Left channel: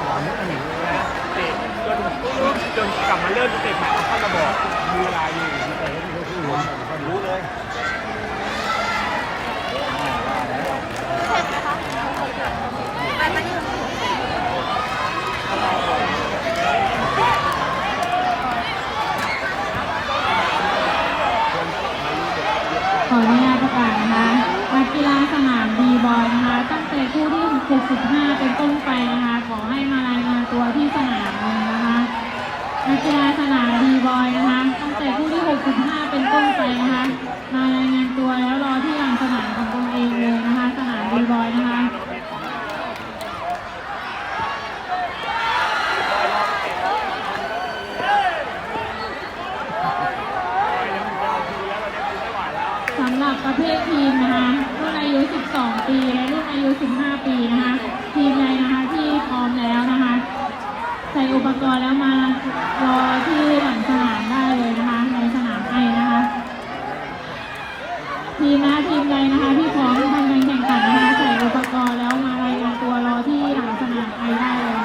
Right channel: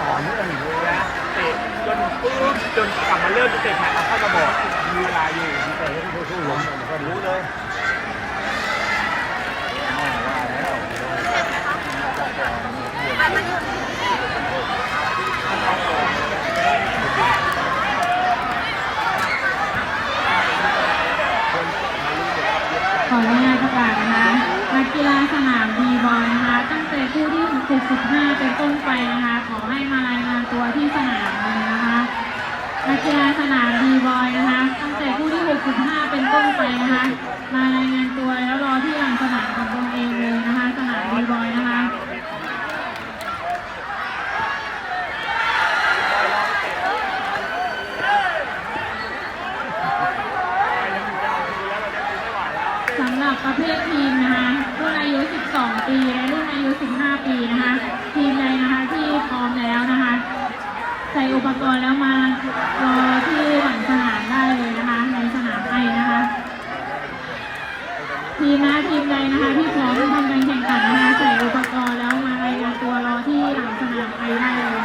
ต่อเนื่องนะเตะจนปุ๊บจนกลับมาเริ่มเตะใหม่เอาเข้ามาบอกมีเวลาอยู่แต่เล่นก็สู้ล้มก็รู้เลยขออนุญาตประกาศนะคะนักกีฬาสนามดีบอยนะคะตั้งแต่คู่ที่ 65 เป็นต้นไปนะคะ สำหรับประเภททีมนะคะรุ่นอายุ 12 ปีและรุ่นอายุ 15 ปีนะคะทีมใดนะคะที่พร้อมแล้วนะคะ ใส่อุปกรณ์แล้วมารอที่หลังสนามได้เลยนะคะในสนามไปนะคะ ทีมนะทีมใดนะคะที่พร้อมทำการแข่งขันนะคะใส่อุปกรณ์แล้วมารายงานตัวรอที่หลังสนามไปได้เลย